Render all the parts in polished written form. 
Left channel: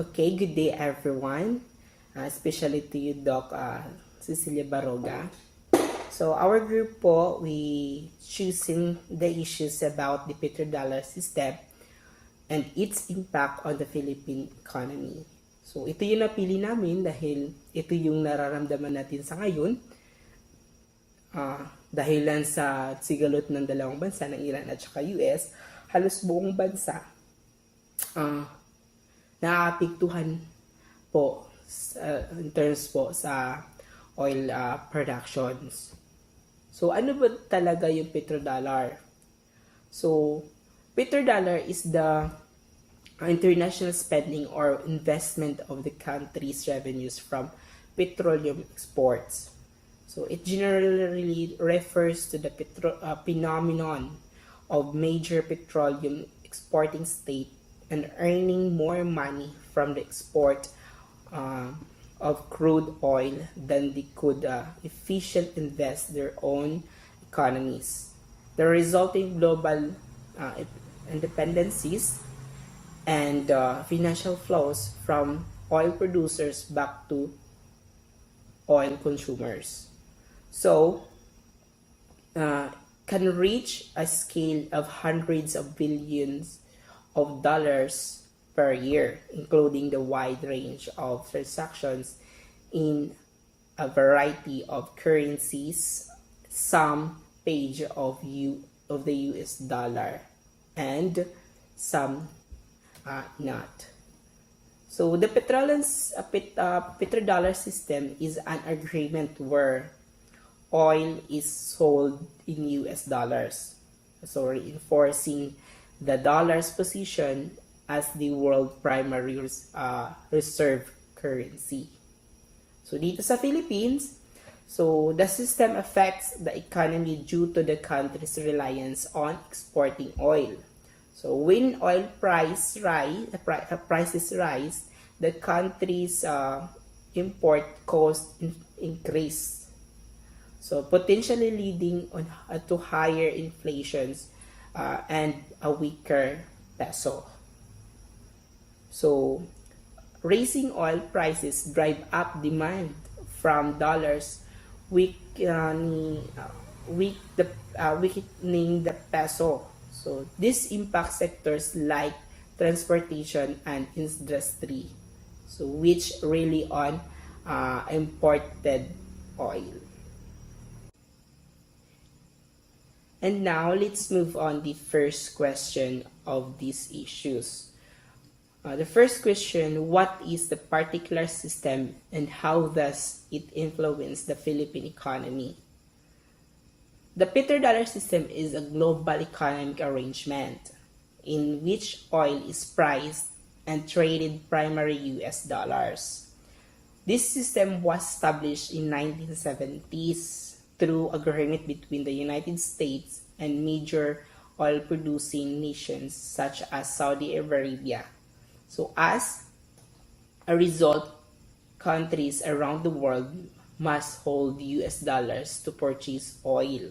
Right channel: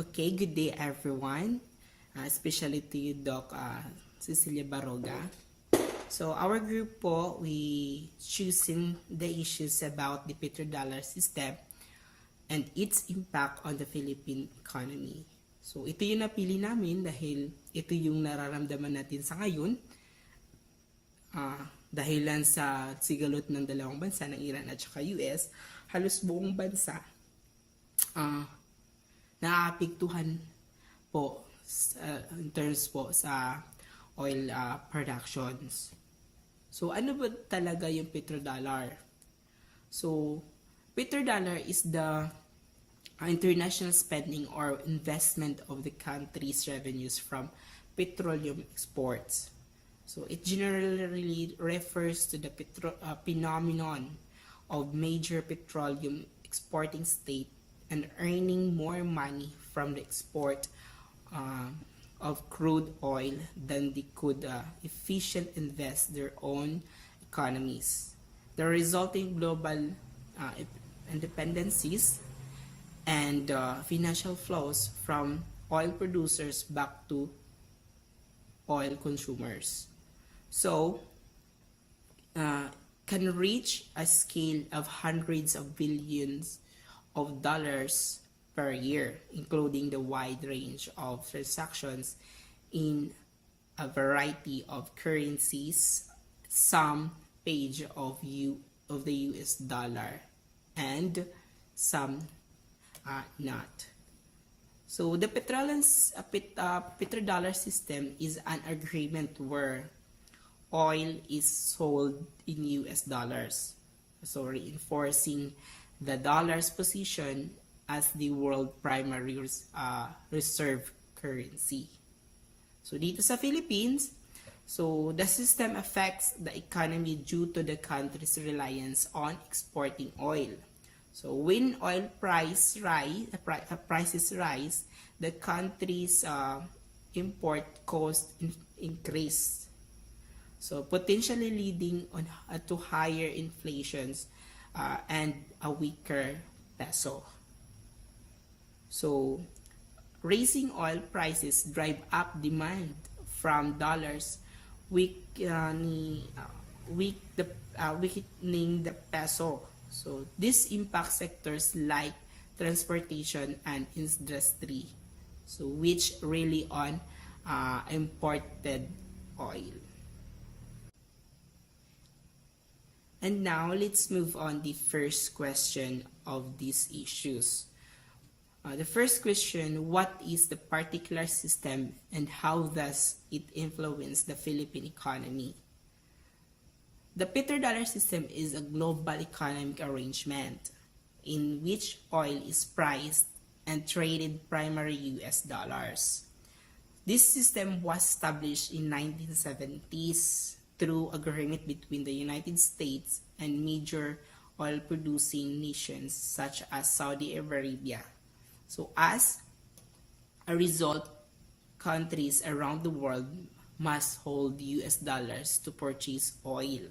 Okay, good day everyone, especially to you Doc Cecilia Baroga. So our group po, we choosing the issues about the petrodollar system and its impact on the Philippine economy. So ito yung napili namin dahil ito yung nararamdaman natin sa ngayon dahilan sa sigalot ng dalawang bansa ng Iran at saka US, halos buong bansa naapektuhan po in terms po sa oil productions. So ano ba talaga yung petrodollar? So petrodollar is the international spending or investment of the country's revenues from petroleum exports. So it generally refers to the phenomenon of major petroleum exporting state and earning more money from the export of crude oil than they could efficiently invest their own economies. The resulting global independencies and financial flows from oil producers back to oil consumers. So, can reach a scale of hundreds of billions of dollars per year, including the wide range of transactions in a variety of currencies, some page of the US dollar, and some not. So the petrodollar system is an agreement where oil is sold in US dollars, so reinforcing the dollar's position as the world primary reserve currency. So dito sa Philippines, so the system affects the economy due to the country's reliance on exporting oil. So when oil prices rise, the country's import cost increase. So potentially leading to higher inflations and a weaker peso. So raising oil prices drive up demand from dollars, weakening the peso. So this impacts sectors like transportation and industry, so which really on imported oil. And now let's move on the first question of these issues. The first question, what is the particular system and how does it influence the Philippine economy? The petrodollar system is a global economic arrangement in which oil is priced and traded primarily US dollars. This system was established in 1970s through agreement between the United States and major oil-producing nations such as Saudi Arabia. So as a result, countries around the world must hold US dollars to purchase oil,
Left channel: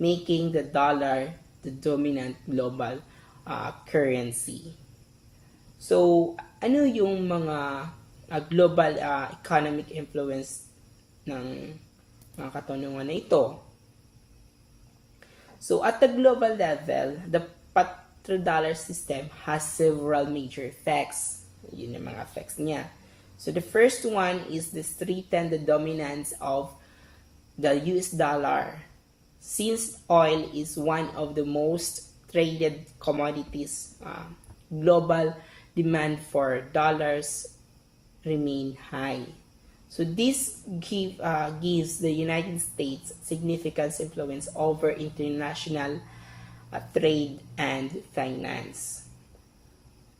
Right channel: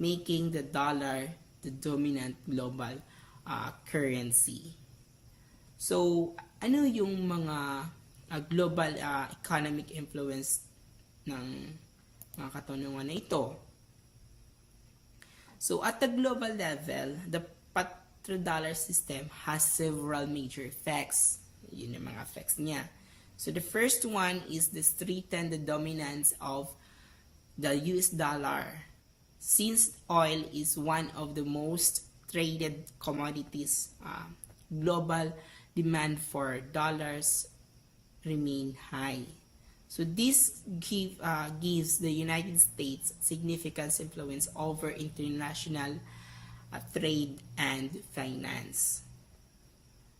making the dollar the dominant global currency. So, ano yung mga global economic influence ng mga katanungan na ito? So, at the global level, the petrodollar system has several major effects. Yun yung mga effects niya. So, the first one is to strengthen the dominance of the US dollar. Since oil is one of the most traded commodities, global demand for dollars remain high. So this gives the United States significant influence over international trade and finance.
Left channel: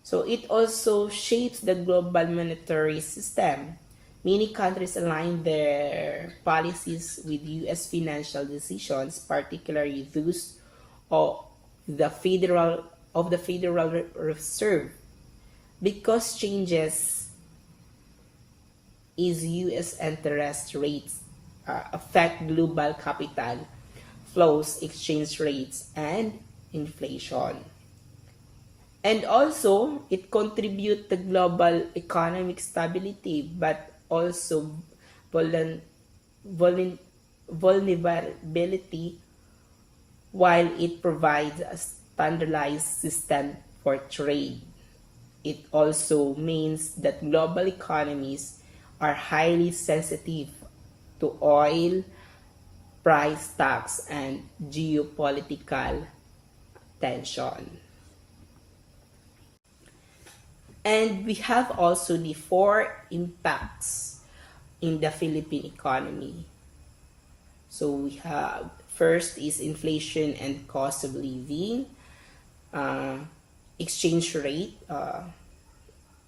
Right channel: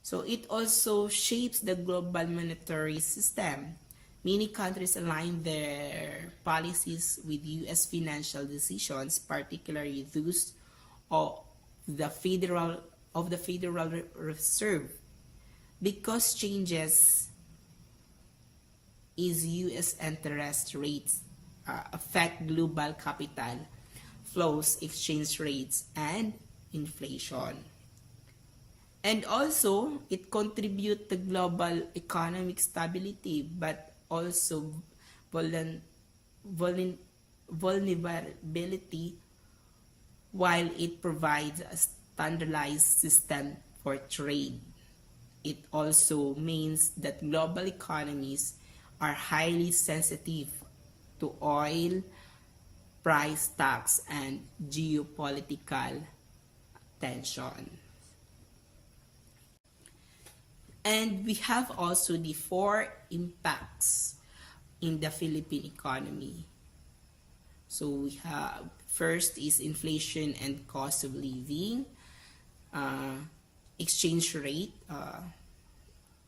So it also shapes the global monetary system. Many countries align their policies with US financial decisions, particularly those of the Federal Reserve, because changes is US interest rates affect global capital flows, exchange rates, and inflation. And also, it contributes to global economic stability, but also vuln- vuln- vulnerability while it provides a standardized system for trade. It also means that global economies are highly sensitive to oil price tax and geopolitical tension. And we have also the four impacts in the Philippine economy. So we have first is inflation and cost of living, uh, exchange rate,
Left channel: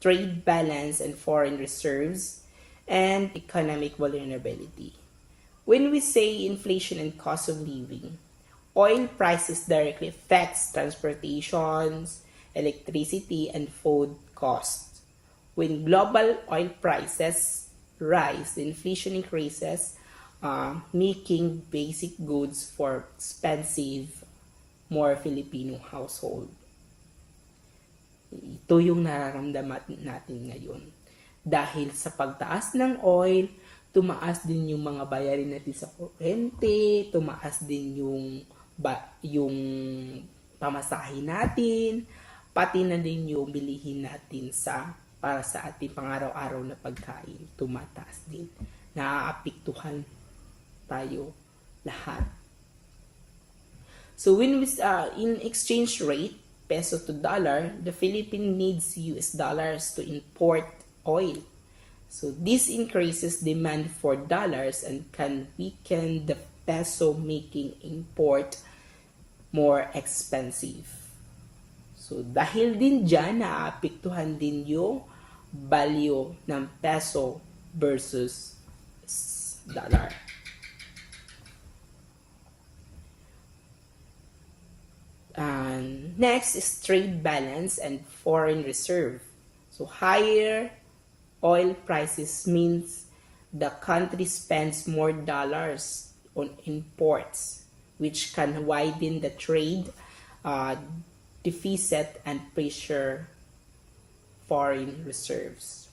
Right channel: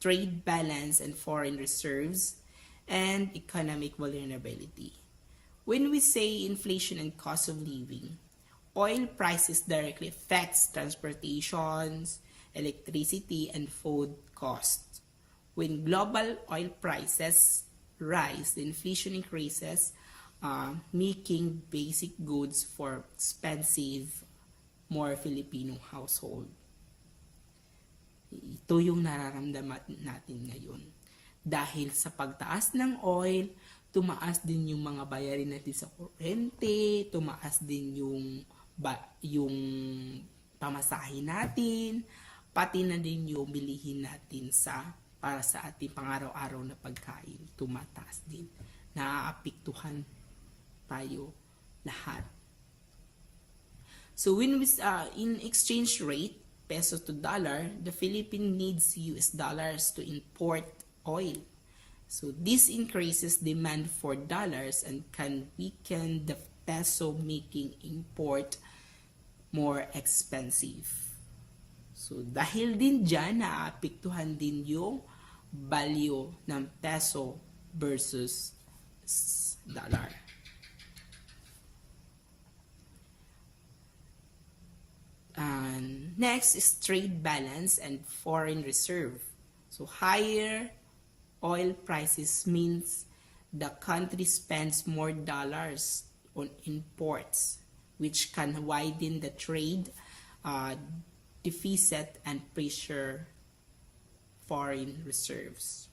trade balance and foreign reserves, and economic vulnerability. When we say inflation and cost of living, oil prices directly affects transportations, electricity, and food costs. When global oil prices rise, the inflation increases, making basic goods for expensive, more Filipino household. Ito yung nararamdaman natin ngayon. Dahil sa pagtaas ng oil, tumaas din yung mga bayarin natin sa kuryente, tumaas din yung pamasahe natin, pati na din yung bilihin natin para sa ating pang-araw-araw na pagkain, tumataas din. Naaapektuhan tayo lahat. So when we in exchange rate, peso to dollar, the Philippines needs US dollars to import oil. So this increases demand for dollars and can weaken the peso, making import more expensive. So dahil din dyan, naapektuhan din yung value ng peso versus dollar. Next is trade balance and foreign reserve. So higher oil prices means the country spends more dollars on imports, which can widen the trade deficit and pressure foreign reserves.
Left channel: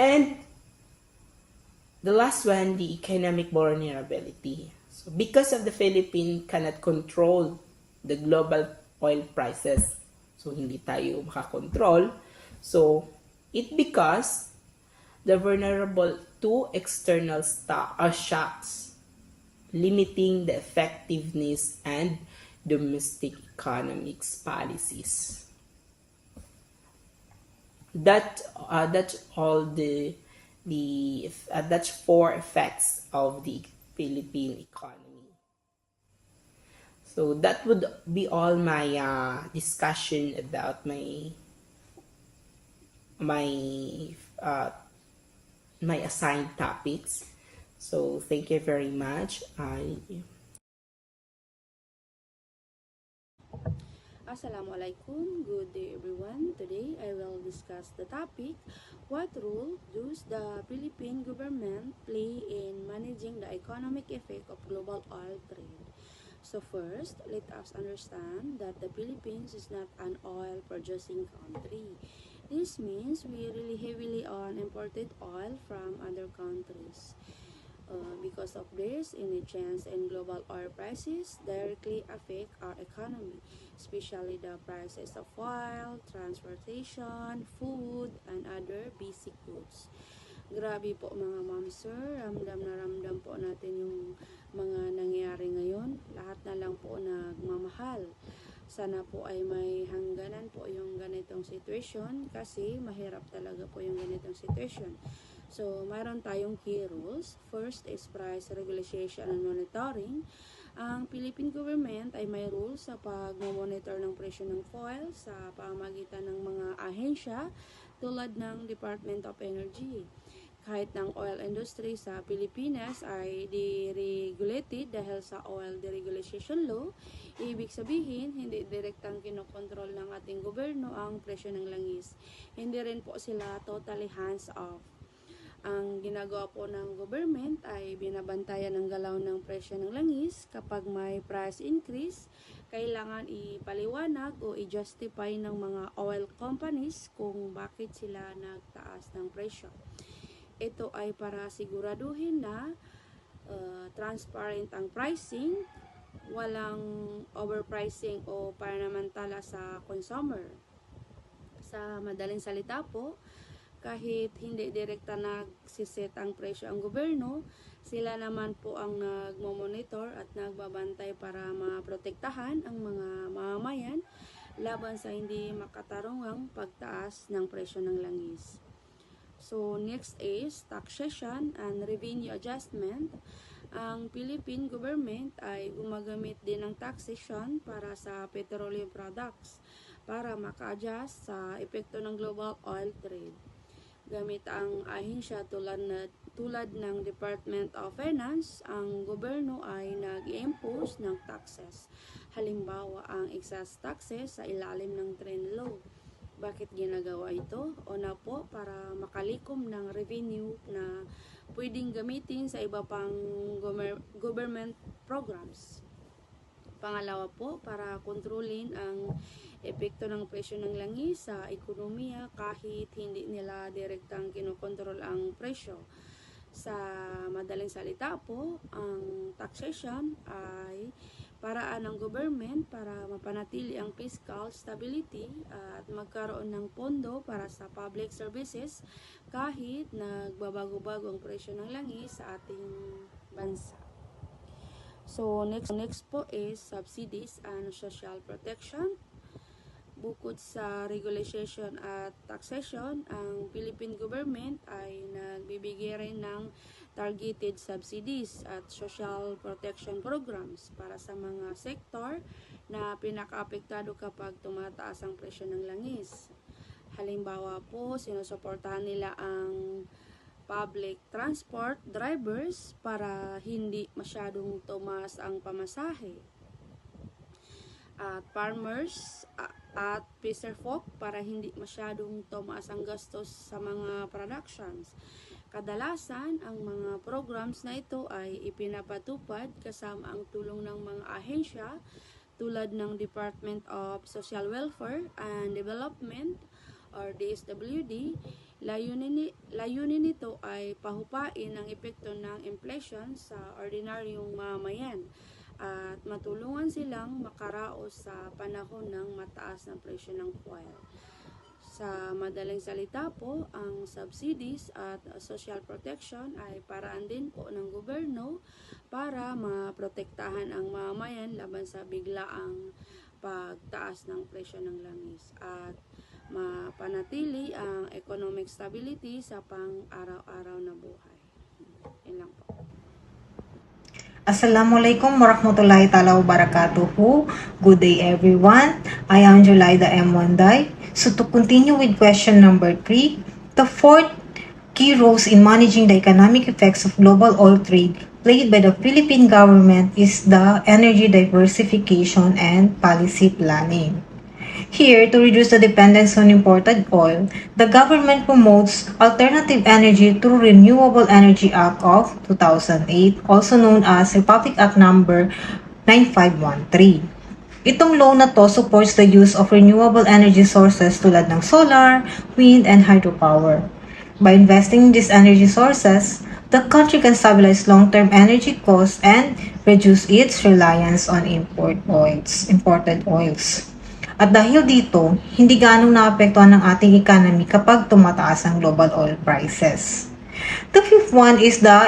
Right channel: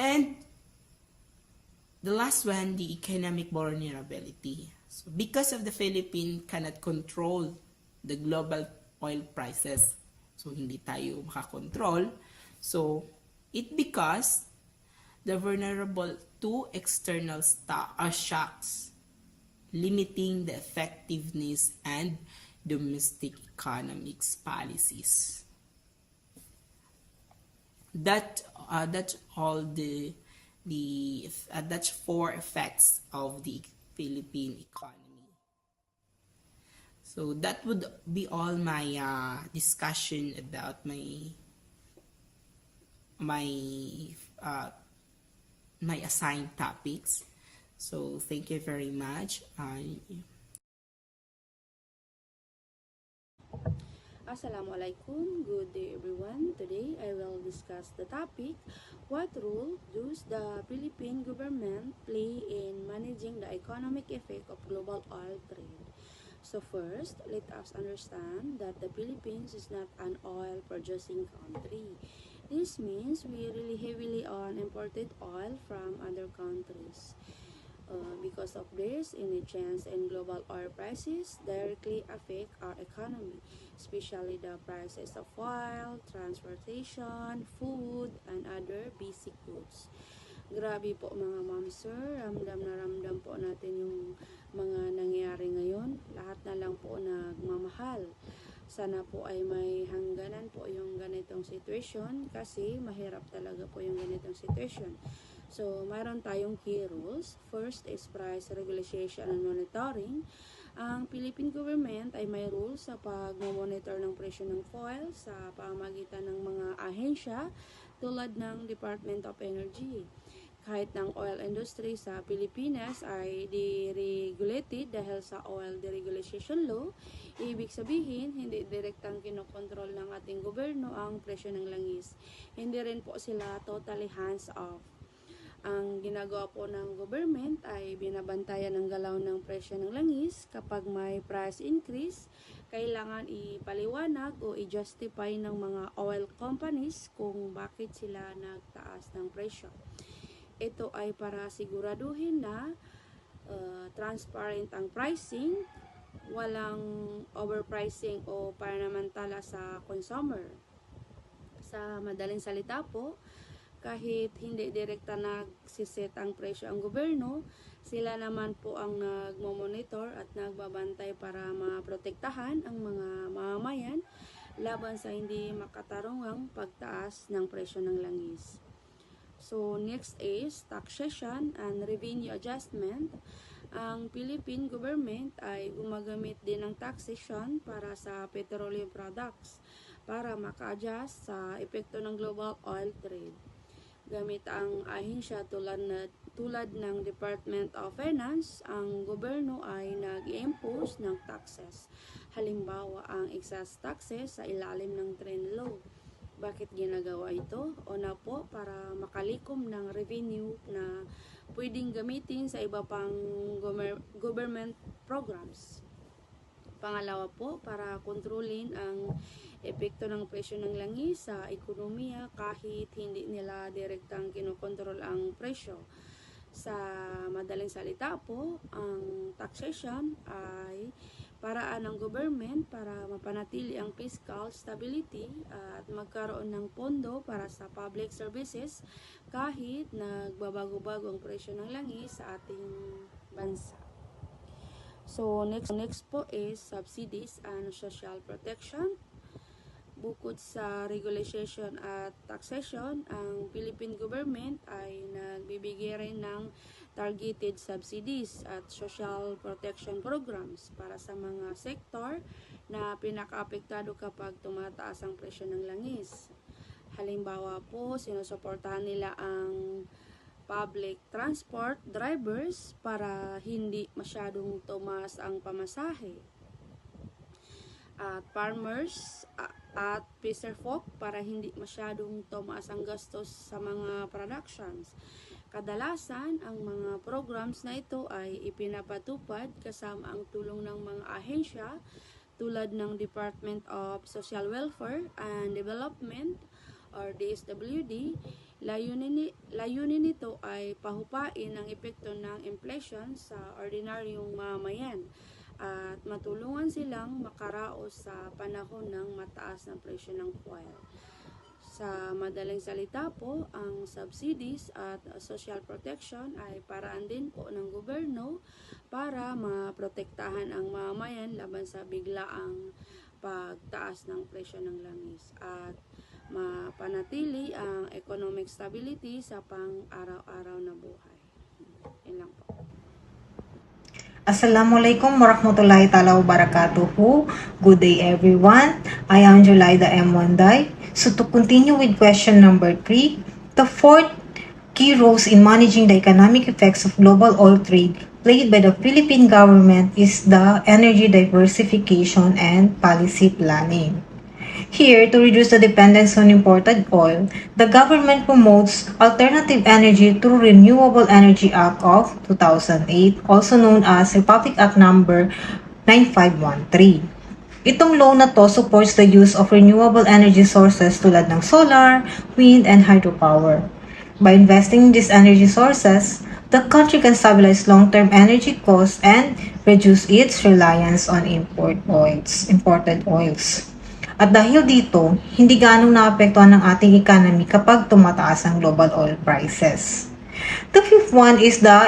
And the last one, the economic vulnerability. So because of the Philippines cannot control the global oil prices, so hindi tayo makakontrol, so it becomes the vulnerable to external shocks, limiting the effectiveness and domestic economics policies. That's four effects of the Philippine economy. So that would be all my discussion about my assigned topics. So thank you very much. Assalamualaikum. Good day everyone. Today I will discuss the topic, what role does the Philippine government play in managing the economic effect of global oil trade? So first, let us understand that the Philippines is not an oil producing country. This means we rely heavily on imported oil from other countries. Because of this, any change in global oil prices directly affect our economy, especially the prices of oil, transportation, food, and other basic goods. Grabe po mga ma'am sir, ramdam na ramdam po natin yung mga nangyayari ngayon. Lahat na lang po nagmamahal. Sana po ay may hangganan po yung ganitong situation kasi mahirap talaga po yung ganitong situation. So, mayroon tayong key rules. First is price regulation and monitoring. Ang Philippine government ay may rules sa pag-monitor ng presyo ng fuel sa pamamagitan ng mga ahensya tulad ng Department of Energy. Kahit ng oil industry sa Pilipinas ay deregulated dahil sa Oil Deregulation Law, ibig sabihin, hindi direktang kinokontrol ng ating gobyerno ang presyo ng langis. Hindi rin po sila totally hands-off. Ang ginagawa po ng government ay binabantayan ang galaw ng presyo ng langis. Kapag may price increase, kailangan ipaliwanag o i-justify ng mga oil companies kung bakit sila nagtaas ng presyo. Ito ay para siguraduhin na transparent ang pricing, walang overpricing o panamantala sa consumer. Sa madaling salita po, kahit hindi direkta nagsiset ang presyo ang gobyerno, sila naman po ang nagmo-monitor at nagbabantay para maprotektahan ang mga mamamayan laban sa hindi makatarungang pagtaas ng presyo ng langis. So next is taxation and revenue adjustment. Ang Philippine government ay gumagamit din ng taxation para sa petroleum products para maka-adjust sa epekto ng global oil trade. Gamit ang ahensya tulad ng Department of Finance, ang gobyerno ay nag-impose ng taxes. Halimbawa, ang excess taxes sa ilalim ng trend law. Bakit ginagawa ito? Una po, para makalikom ng revenue na pwedeng gamitin sa iba pang government programs. Pangalawa po, para kontrolin ang epekto ng presyo ng langis sa ekonomiya kahit hindi nila direktang kinokontrol ang presyo. Sa madaling salita po, ang taxation ay paraan ng government para mapanatili ang fiscal stability at magkaroon ng pondo para sa public services kahit nagbabago-bago ang presyo ng langis sa ating bansa. So next po is subsidies and social protection. Bukod sa regulation at taxation, ang Philippine government ay nagbibigay rin ng targeted subsidies at social protection programs para sa mga sektor na pinaka-apektado kapag tumataas ang presyo ng langis. Halimbawa po, sinusuportahan nila ang public transport drivers para hindi masyadong tumaas ang pamasahe. At farmers at fisherfolk para hindi masyadong tumaas ang gastos sa mga productions. Kadalasan, ang mga programs na ito ay ipinapatupad kasama ang tulong ng mga ahensya tulad ng Department of Social Welfare and Development or DSWD. Layunin nito ay pahupain ang epekto ng inflation sa ordinaryong mamamayan at matulungan silang makaraos sa panahon ng mataas na presyo ng fuel. Sa madaling salita po, ang subsidies at social protection ay paraan din po ng gobyerno para maprotektahan ang mamamayan laban sa biglaang pagtaas ng presyo ng langis at mapanatili ang economic stability sa pang-araw-araw na buhay. Yan lang po. Assalamualaikum warahmatullahi ta'ala wabarakatuh. Good day everyone. I am Julaida M. Wanday. So to continue with question number 3, the fourth key roles in managing the economic effects of global oil trade played by the Philippine government is the energy diversification and policy planning. Here, to reduce the dependence on imported oil, the government promotes alternative energy through Renewable Energy Act of 2008, also known as Republic Act number 9513. Itong law na to supports the use of renewable energy sources tulad ng solar, wind, and hydropower. By investing in these energy sources, the country can stabilize long-term energy costs and reduce its reliance on imported oils. At dahil dito, hindi ganong naapektuhan ng ating economy kapag tumataas ang global oil prices. The fifth one is the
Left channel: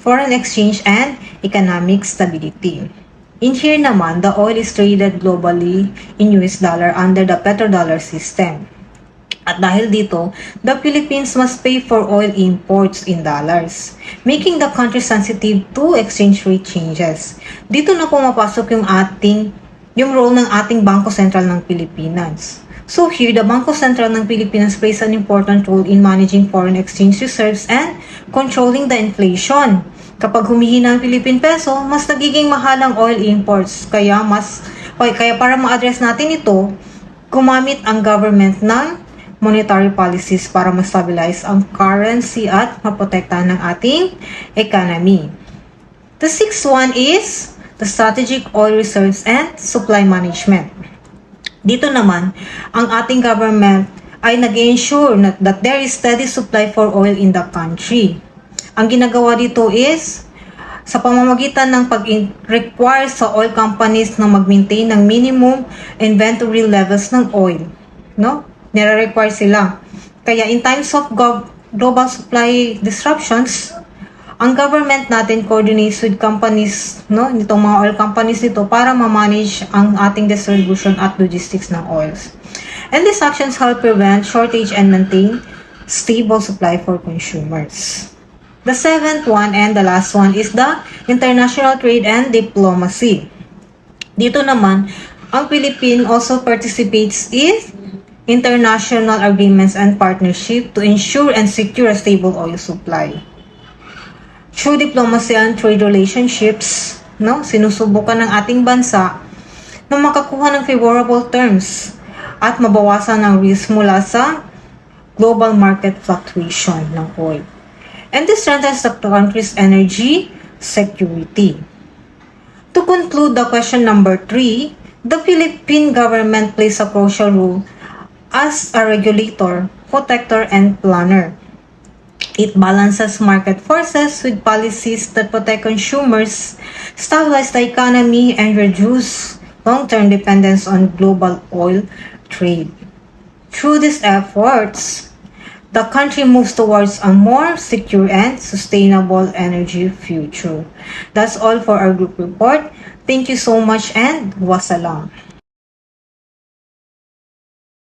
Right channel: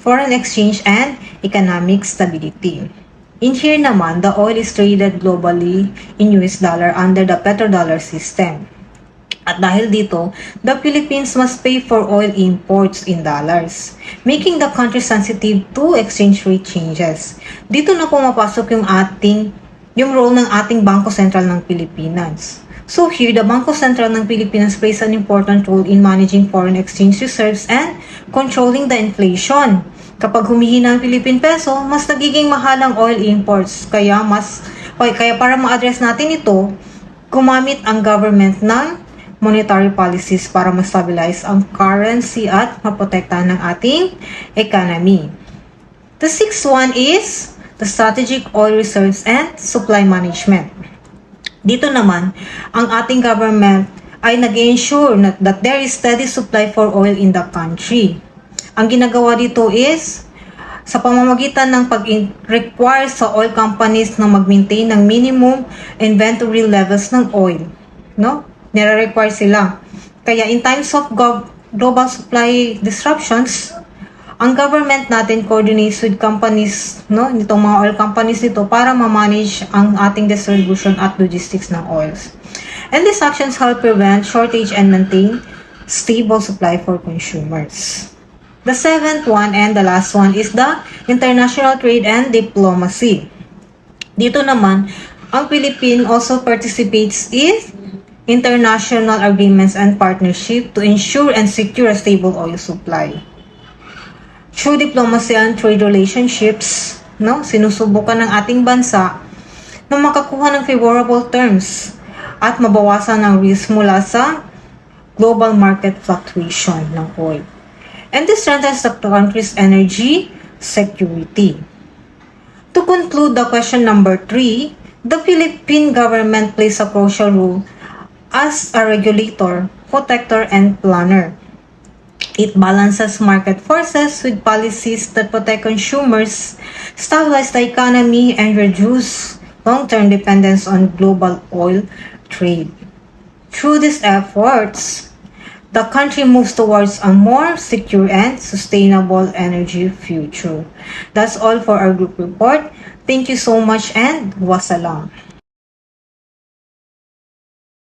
foreign exchange and economic stability. In here naman, the oil is traded globally in US dollar under the petrodollar system. At dahil dito, the Philippines must pay for oil imports in dollars, making the country sensitive to exchange rate changes. Dito na pumapasok yung role ng ating Bangko Sentral ng Pilipinas. So here, the Bangko Sentral ng Pilipinas plays an important role in managing foreign exchange reserves and controlling the inflation. Kapag humihina ang Philippine peso, mas nagiging mahal ang oil imports. Kaya para ma-address natin ito, gumamit ang government ng monetary policies para ma-stabilize ang currency at maprotektahan ng ating economy. The sixth one is the strategic oil reserves and supply management. Dito naman, ang ating government ay nag-ensure that there is steady supply for oil in the country. Ang ginagawa dito is sa pamamagitan ng pag-require sa oil companies na mag-maintain ng minimum inventory levels ng oil. No? Nire-require sila. Kaya in times of global supply disruptions, ang government natin coordinates with companies, no, nitong mga oil companies dito para ma-manage ang ating distribution at logistics ng oils. And these actions help prevent shortage and maintain stable supply for consumers. The seventh one and the last one is the international trade and diplomacy. Dito naman, ang Philippines also participates in international agreements and partnership to ensure and secure a stable oil supply. Through diplomacy and trade relationships, no, sinusubukan ng ating bansa na makakuha ng favorable terms at mabawasan ang risk mula sa global market fluctuation ng oil. And this strengthens the country's energy security. To conclude the question number 3, the Philippine government plays a crucial role as a regulator, protector, and planner. It balances market forces with policies that protect consumers, stabilize the economy, and reduce long-term dependence on global oil trade. Through these efforts, the country moves towards a more secure and sustainable energy future. That's all for our group report. Thank you so much and wassalam.